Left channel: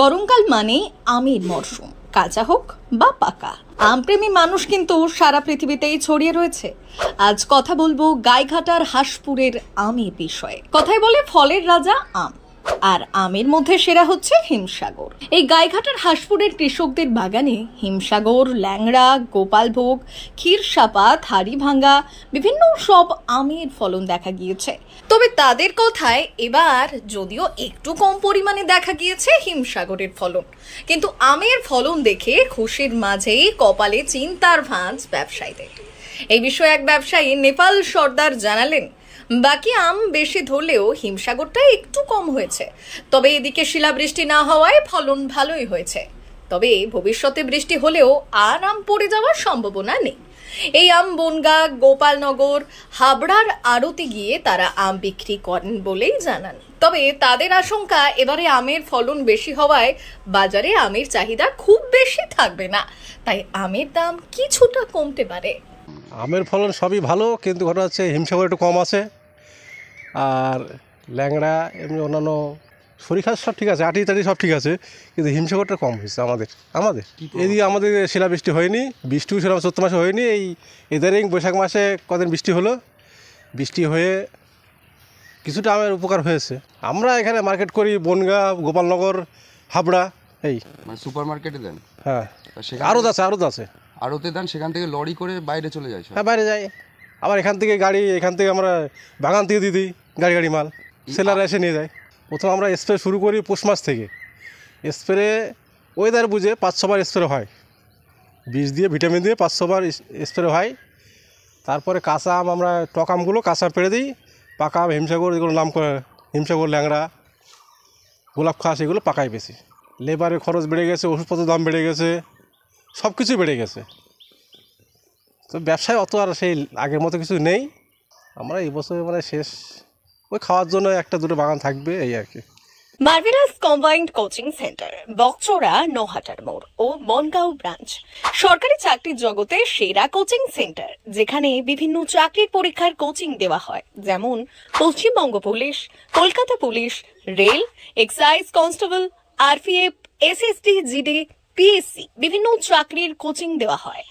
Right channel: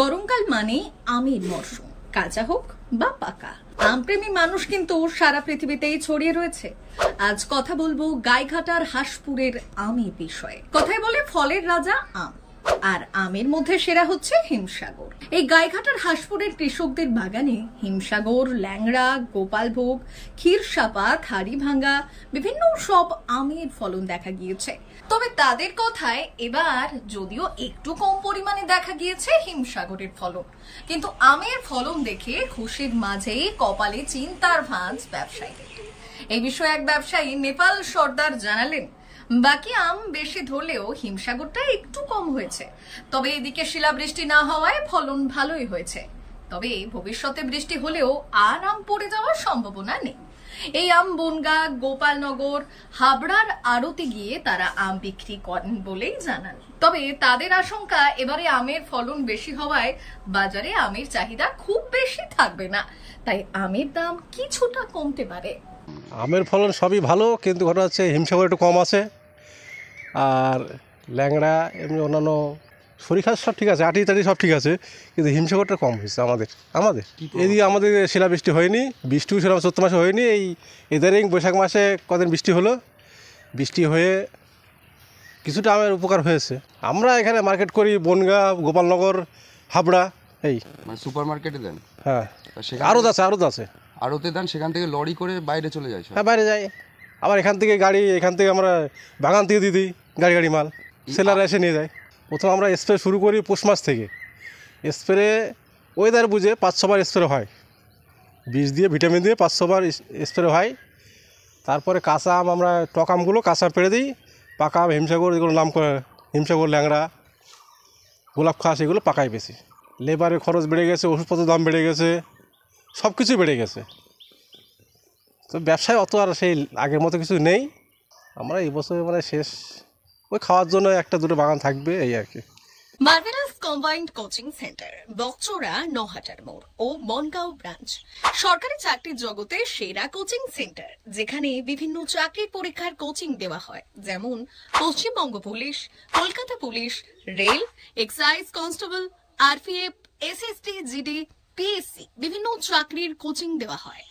গরমকাল মানে আমের মরশুম, কাঁচা হোক বা পাকা। আমপ্রেমী মানুষ কিন্তু সারা পৃথিবীতেই ছড়িয়ে রয়েছে। আজ কথা বলবো গাইঘাটার হাঁসপুরের আমের বিষয়ে। কথায় বলে ফলের রাজা আম, আর আমের মধ্যে সেরা হচ্ছে হিমসাগর। এই গাইঘাটার হাঁসপুরের কৃষকদের বাগানে হিমসাগর, ল্যাংড়া, গোপালভোগ, ক্ষীরসাপাত, হাড়িভাঙ্গা বিভিন্ন সব আমের ফলন দেখা গিয়েছে। তবে তাদের কথায় এবার যদিও একটু কম পরিমাণে দেখা গিয়েছে হিমসাগরের ফলন, কিন্তু আমের ফলন দেখে খুশির মাঝেই কপালে চিন্তার ভাঁজ ব্যবসায়ীদের। এই বিষয়ে এক ব্যবসায়ী নেপাল সর্দার জানালেন, বাকি আম বেশি ধরলেও হিমসাগরটা একটু কম হয়েছে, তবে এদিকে শিলাবৃষ্টি না হওয়ায় ফলন ভালোই হয়েছে। তবে ভবিষ্যতে বৃষ্টি হলেও আর আম পড়ে যাওয়ার সম্ভাবনা নেই। এই আম বনগাঁ, গোপালনগর, হাবড়ার আড়তে গিয়ে তারা আম বিক্রি করেন বলেই জানান। তবে তাদের আশঙ্কা, এবারে আমের ফলন বেশি হওয়ায় বাজারে আমের চাহিদা খুব বেশি থাকবে না, তাই আমের দাম কিছুটা কমতে পারে। আমের ফলন সবই ভালো, কিন্তু ঘটনা হচ্ছে হিমসাগর একটু কম আছে, আর ল্যাংড়া এমনি অন্যান্য সরিষা সব ঠিক আছে, আটি টাটি সব ঠিক আছে, কিন্তু হিমসাগরটা কম হয়েছে আমাদের এদিকে। আমাদের শিলাবৃষ্টি হয়নি, বৃষ্টিও সেরকম চৈত্র মাসে হয়নি। এই ইদারিং বৈশাখ মাসে কদিন বৃষ্টি হলো, বৃষ্টি হয়ে কিছুটা আমের উপকার হয়েছে। আমরা এখানে মার্কেট করি বনগাঁ, গোপালনগর, হাবড়া, এই মানে সুপার মার্কেটে দেন? হ্যাঁ, আড়ত আছে আড়তে দেন, সেখান থেকে লরি করে বাইরে চলে যায়? হ্যাঁ, বাইরে যায়। আবার এখান থেকে গাড়ি, এখান থেকে আমরা বাগান থেকে দিয়ে দিই গাড়ি মাল, সেলাররা এসে নিয়ে যায়। প্রথম আমরা স্প্রে শুরু করি পৌষ মাস থেকে। স্প্রে ওয়েদার বুঝে 5-6 বার স্প্রে হয়, বীজ দিয়ে ভিটামিন দিয়ে 5-6 বার স্প্রে হয়। তারপরে কাঁচা আম, আমরা টক আমগুলো কাঁচা পেড়ে দিই। পাকা আম হিমসাগর, এগুলো নাম করে হিমসাগর, ল্যাংড়া, গোলাপ খাস, এগুলো পাকাই বেশি। লেবারের খরচ বেড়ে গেছে, ওষুধপত্রের দাম বেড়ে গেছে, সব কিছুই বেড়ে গেছে। তো ব্যবসায় অত আর সেই আগের মতো কিছু নেই। আমরা এই বছর মানে শেষ, ওই খাওয়ার জন্য 1-2 বাগান থাকবে, এই আর কি। মার্ভেলাস কম্বাইন্ড কোচিং সেন্টার, বকচোরা, নহাটার মোড় ও বনগাঁও ব্রাঞ্চ সরকারি চাকরির জগতে সেরা কোচিং সেন্টার, যেখানে বিভিন্ন চাকরির পরীক্ষার কোচিং দেওয়া হয়, যেমন Paschimbanga police, Kolkata police, rail, excise constable, RPF, SSD, GD, PSC বিভিন্ন চাকরির কোচিং দেওয়া হয়।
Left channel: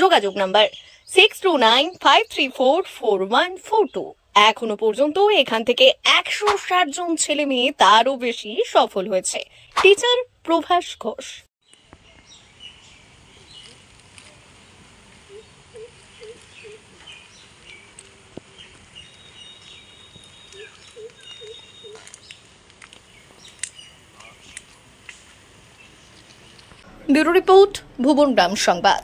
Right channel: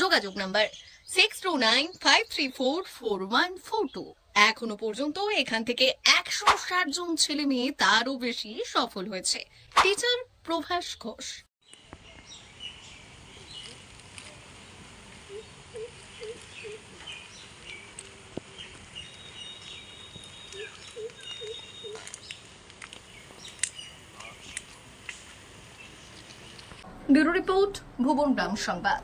যোগাযোগ নাম্বার 6295344142। এখনো পর্যন্ত এখান থেকে 160 জন ছেলে মেয়ে, তারও বেশি সফল হয়েছে। Teacher Prabhas Ghosh. Bureau report, Bhuban Gram সংবাদ।